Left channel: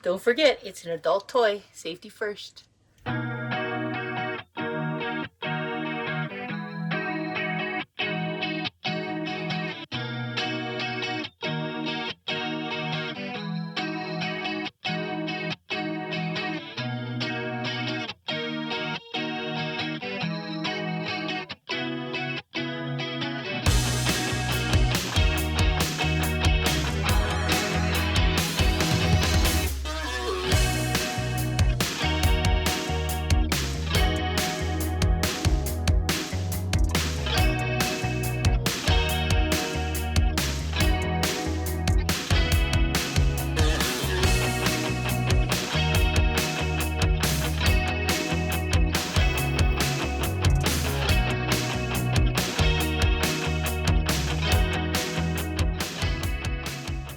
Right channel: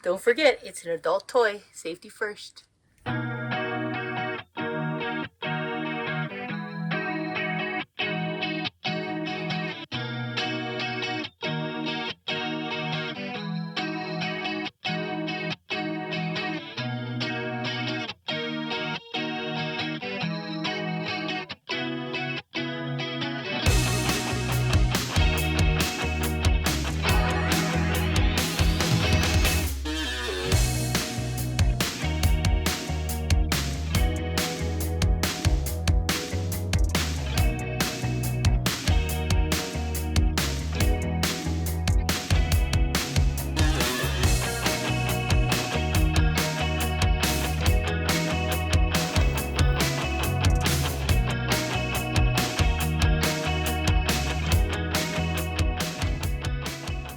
Don't forget, it's an adult toy. Safety first.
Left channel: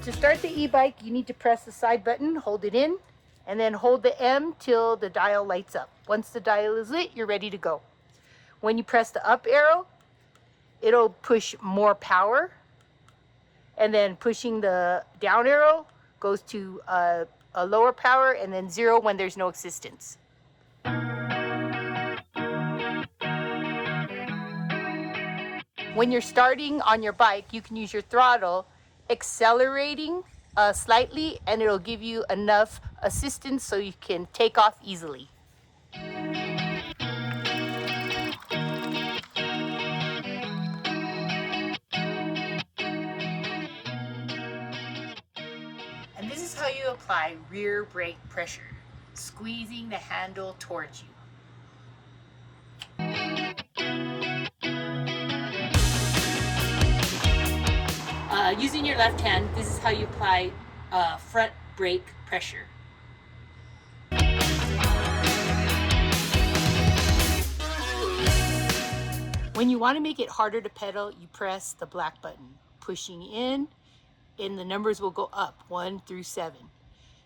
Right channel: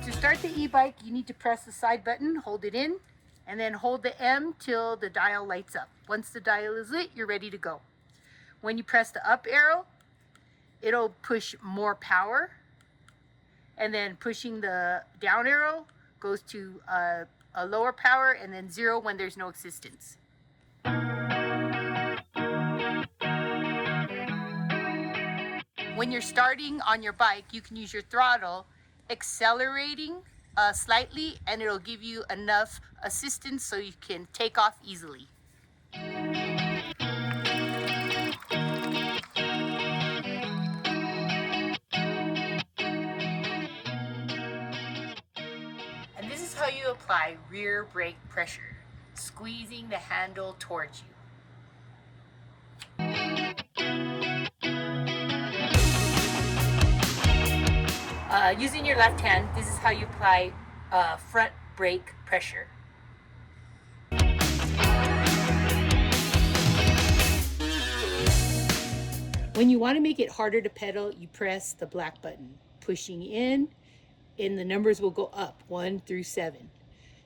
To start the e-bike, you need to press the side button, hold it in, and then hold the M till the dial lights up. Once the dial is lit, you're ready to go. When you press the up arrow, it'll push more power, and then pushing the down arrow goes to a lower power, and then 0 when there's no assistance. When you're starting on your bike, you can use your throttle, accelerating slightly, and it'll give you enough assistance so you can take off easily. And this is how you apply rear brake pressure, squeezing the handle towards you. Using your left hand, this is how you apply front brake pressure. When you want to make it harder to pedal, you press the black button. Pushing in, and the numbers will go up, 1 through 7.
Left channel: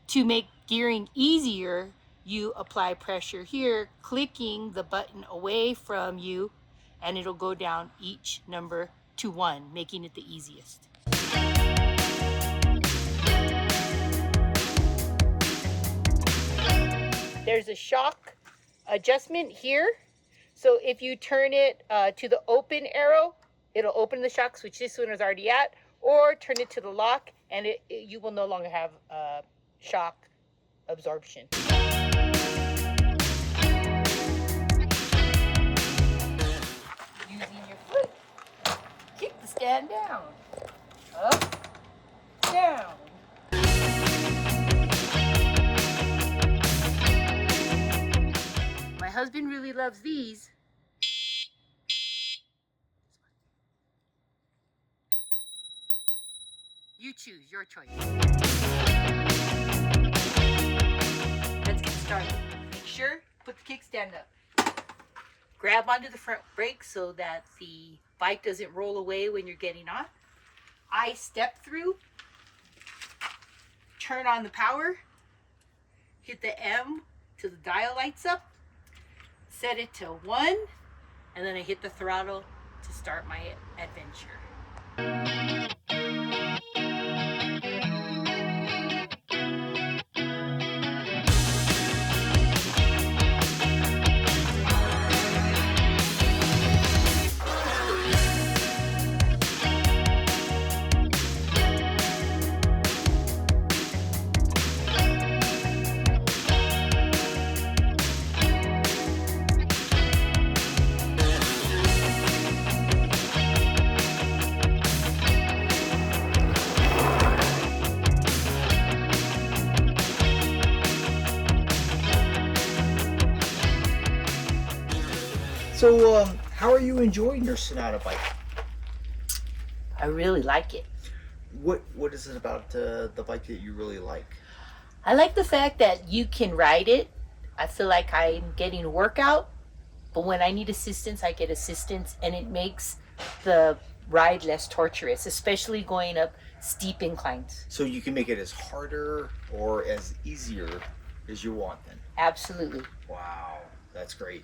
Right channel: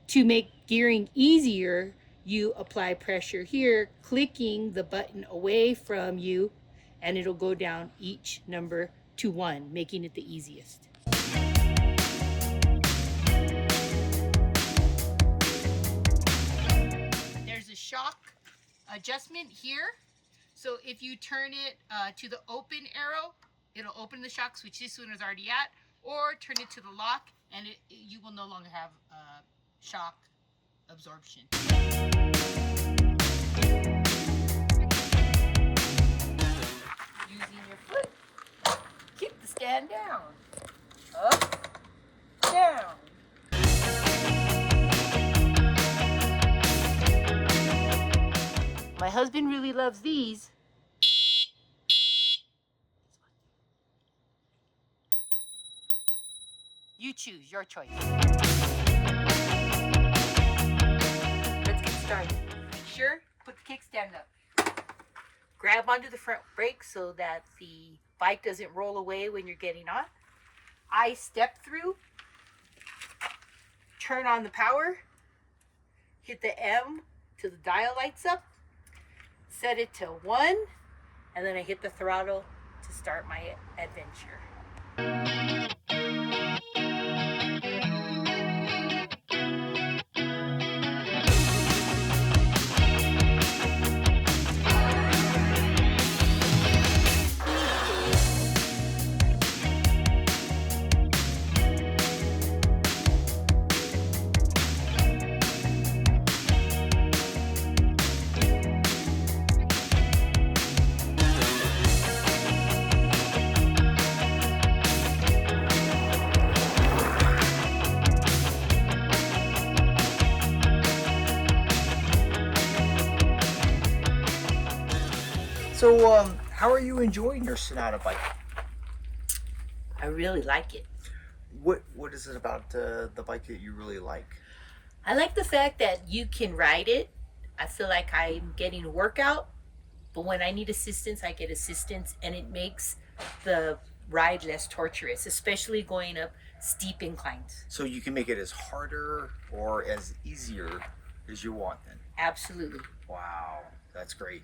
To make gearing easier, you apply pressure here, clicking the button away from you, and it'll go down each number to 1, making it the easiest. There's a shock adjustment here. So if you turn it to the open arrow, it'll open the shock, which this one is already at, or turn it to the lock, and you will no longer have shock absorption. Using your foot, kick the stand down, up, down. My husband really loves these. You choose, your choice. Let's get started. Make sure, put the kickstand up. Grab onto the front brake so that the bike doesn't roll away when you're getting on. I step through, turn on the power, hit the M till the dial lights up, set it to 1, and then I hit the throttle to start my adventure. So, how are you enjoying your Senada bike? I really like it. What is it about the bike that you really like? I like the fact that you can ride it. I feel like I'm getting workout, but when I need assistance, I get assistance, and it makes the ride less torturous, especially going up steep inclines. So you can make it as harder or as easier as you want then? Absolutely. Wow, that's great.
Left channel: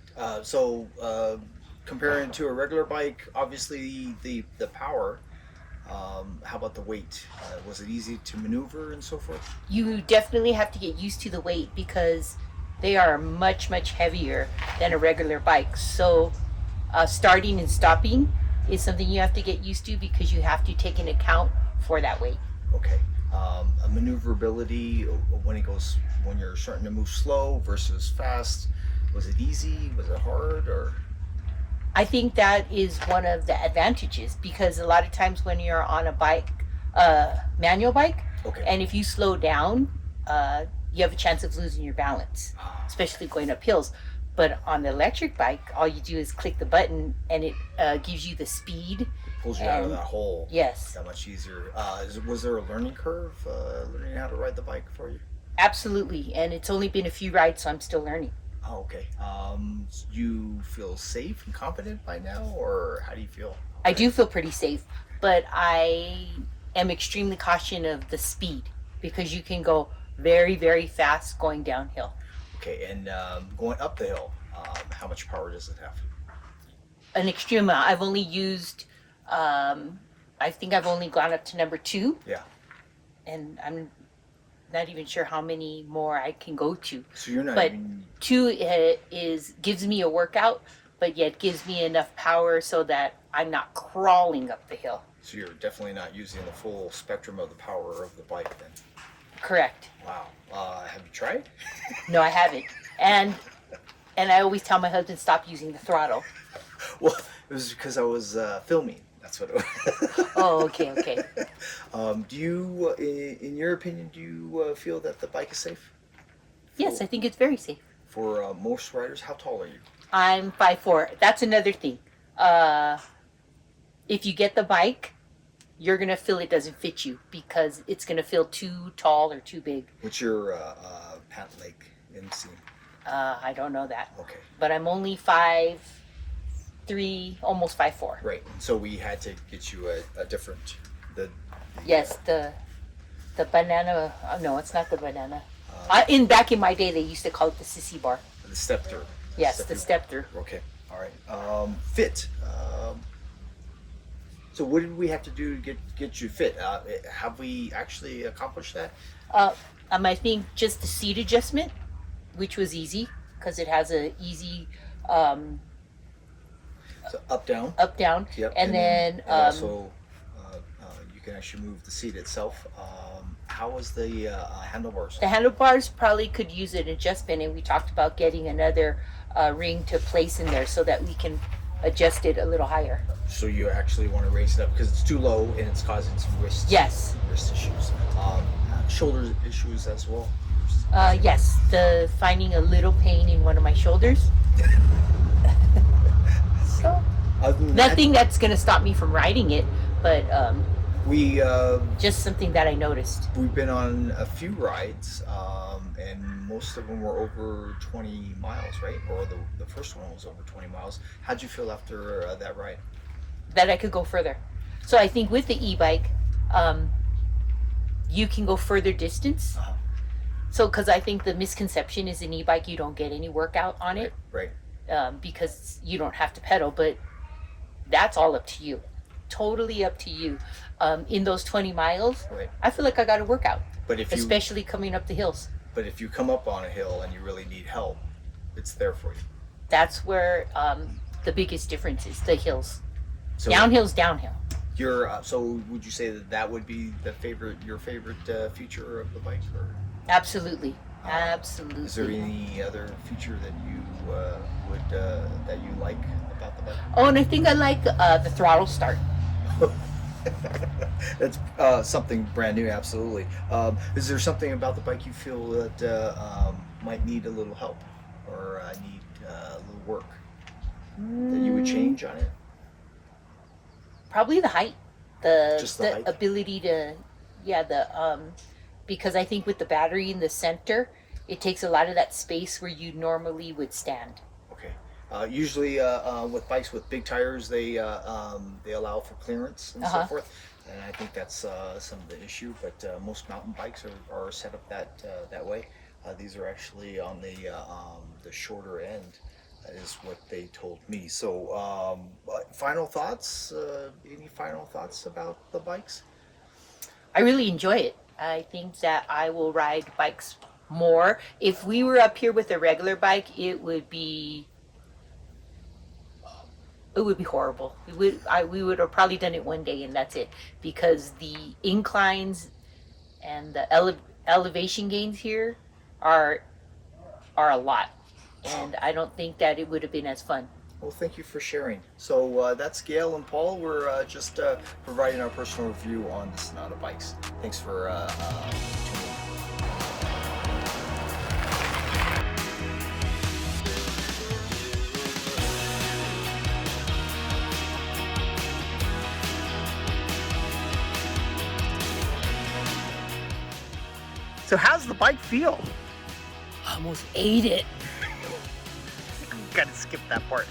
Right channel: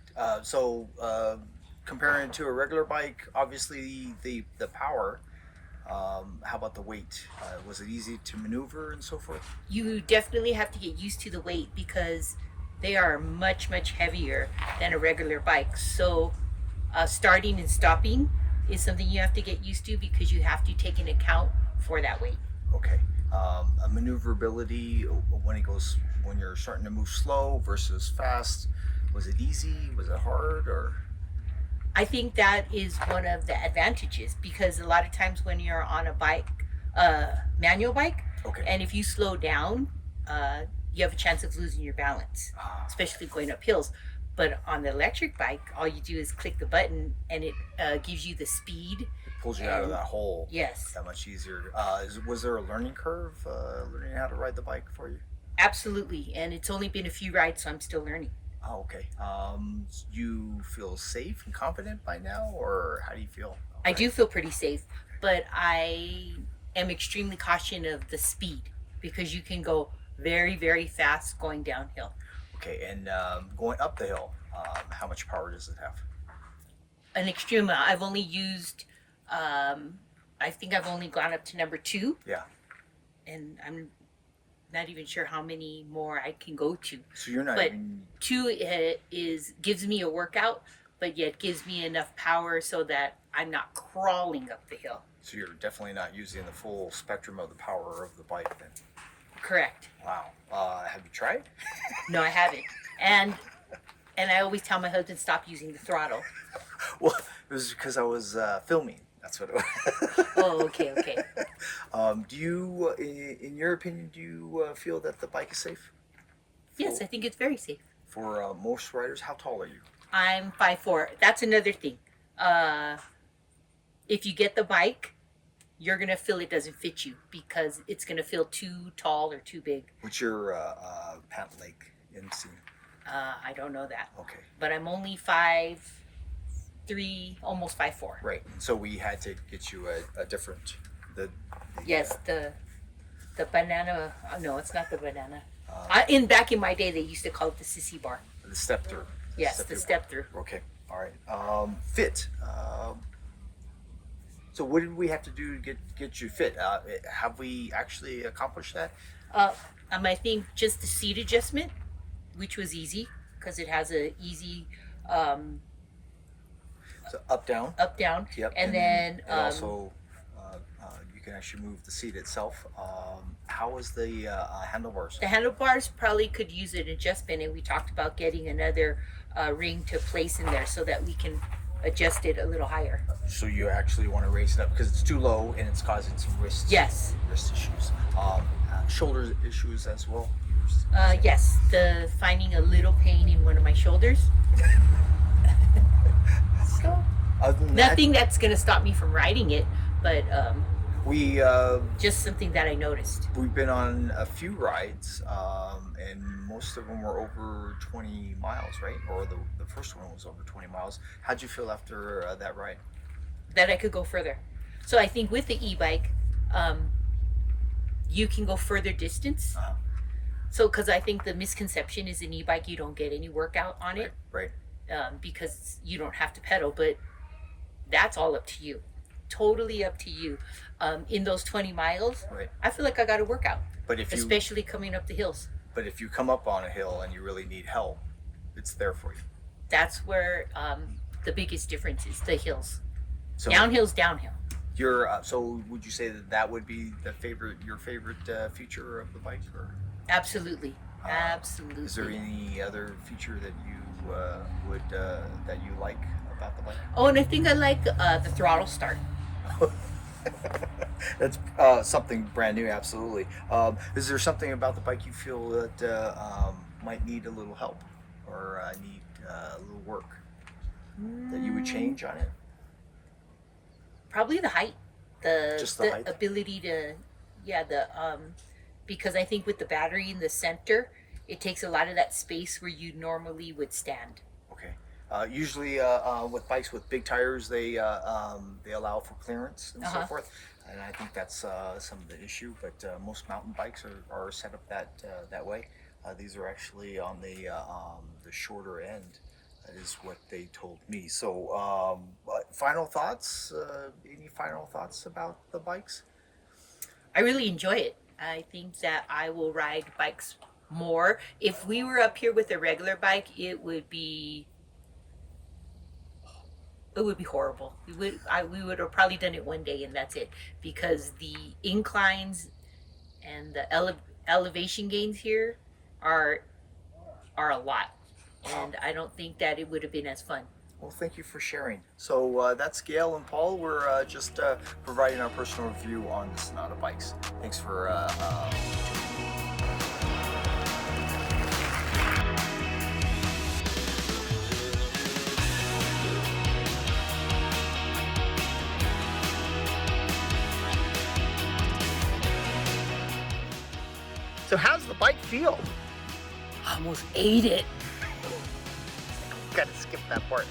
Comparing to a regular bike, obviously the power How about the weight? Was it easy to maneuver and so forth? You definitely have to get used to the weight because they are much, much heavier than a regular bike. So starting and stopping is something you have to get used to because you have to take an account for that weight. Okay. A maneuverability when you're starting to move slow versus fast. Was it easy? Was it hard? Or I think that is one of the advantages because a lot of times when you're on a bike, manual bike, okay. and if you slow down, you have a chance of losing your balance, Ah, especially going up hills. But on the electric bike, all you do is click the button and it gives you the speed. it pulls you out of And that hole. yes, That much easier. Was there a learning curve learning how to ride the bike for you? absolutely. And it's only been a few rides, so I'm still learning. Oh, okay. You feel safe and confident by now, or how do you feel? I do feel pretty safe, but I am extremely cautious of the speed because you can go very, very fast going downhill. Okay, and going up the hill, how much power does it have? An extreme amount. I've only used, I think I've only gone up to number 2. Yeah. And I'm not even sure how many more I can go to. So you're not But even 2 gives me a workout, but yet gives me enough power so that I'm not crawling up the hill. so you're definitely not using the full spectrum of the power of the bike then. Correct. Wow. Have you tried? No, I haven't. And I always tell my husband stop using the throttle. Well, it was because I was filming. That's what it was. Oh, okay. Do you, in your opinion, do you feel that the bike is safe? Yes, I think it's very safe. For most riders, how tall are you? I'm 5'4". That's another thing. If you get the bike, you're gonna feel it doesn't fit you because it's gonna feel too tall or too big. What's your pant leg inseam? I don't know that, Okay. but I'm only 5'3", almost 5'4". Right. And so we had to get you a different. Yes, the banana. Oh, no, it's not the banana. Uh, Back in my day, they used to call it the sissy bar. the step through. Yes, the step through. Okay. All right. Fit. So what did we have to do to get you fit? Have we actually accomplished that? I think just the seat adjustment, which was easy because it has a easy So up down. up down. Yep. And then and also you can actually move the seat itself. How was the handlebars? the handlebars probably could use an adjustment, and we talked about getting another ring to place in there so that we can adjust it a little higher. So you actually want to raise it up because it's too low and it's causing some wrist issues. Shoulder issues as well. Yes, the finding a little pain in one of my shoulders. So Other than nothing that's gonna stop me from riding it, but we just something that I noticed. we've been on a few rides, and most of them were over 20 miles, right? Or the first one was over 20 miles. How'd you feel after that ride? That I could go further. So I think with the e-bike, you can go further distance. Uh-huh. So because I think the misconception is an e-bike, you don't get any workout on it. Right. Because you don't have to pedal, but that's all up to you. Totally up to you. In those 20 miles, Right. I feel like I got a workout, But if you especially coming up the hills. come up on a hill and you really need help, it's there for you. That's where the biggest difference is, the hills. So Downhill's downhill. so would you say that would be your favorite feature of the bike, or Absolutely. is there Absolutely. any other feature that you that you like about the bike? Oh, and I think I like the throttle start. That's something brand new, absolutely. Is there something about the bike you feel that might need a little help or need a little work that you would change on it? Probably the height. Just the height? Ability to, because I think with the battery in the center, it takes a lot of that space where you normally would stand. Okay. Usually, with bikes with big tires, they allow for clearance and so forth, and I think that's some of the issue. But most mountain bikes are set up that way. These are actually on the shorter end. is what they told me. So, final thoughts? Any final thoughts about the bikes? I really enjoy it. I think that I will ride bikes more. If we were up here with a regular bike, it would be horrible. We would have probably done it one day and that's it, because the inclines and the elevation gains here are a lot, and I don't think that it would have been as fun. Well, thank you for sharing. So that's Gail and Paul. We're just providing our personal review on the Senada bikes. Thanks for So how's the bike feel? Almost ate it, Gotta skip that part.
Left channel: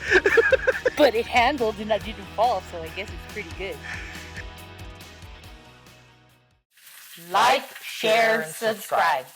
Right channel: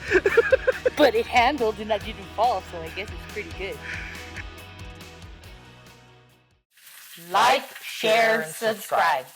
but it handled and I didn't fall, so I guess it's pretty good. Like, share, subscribe.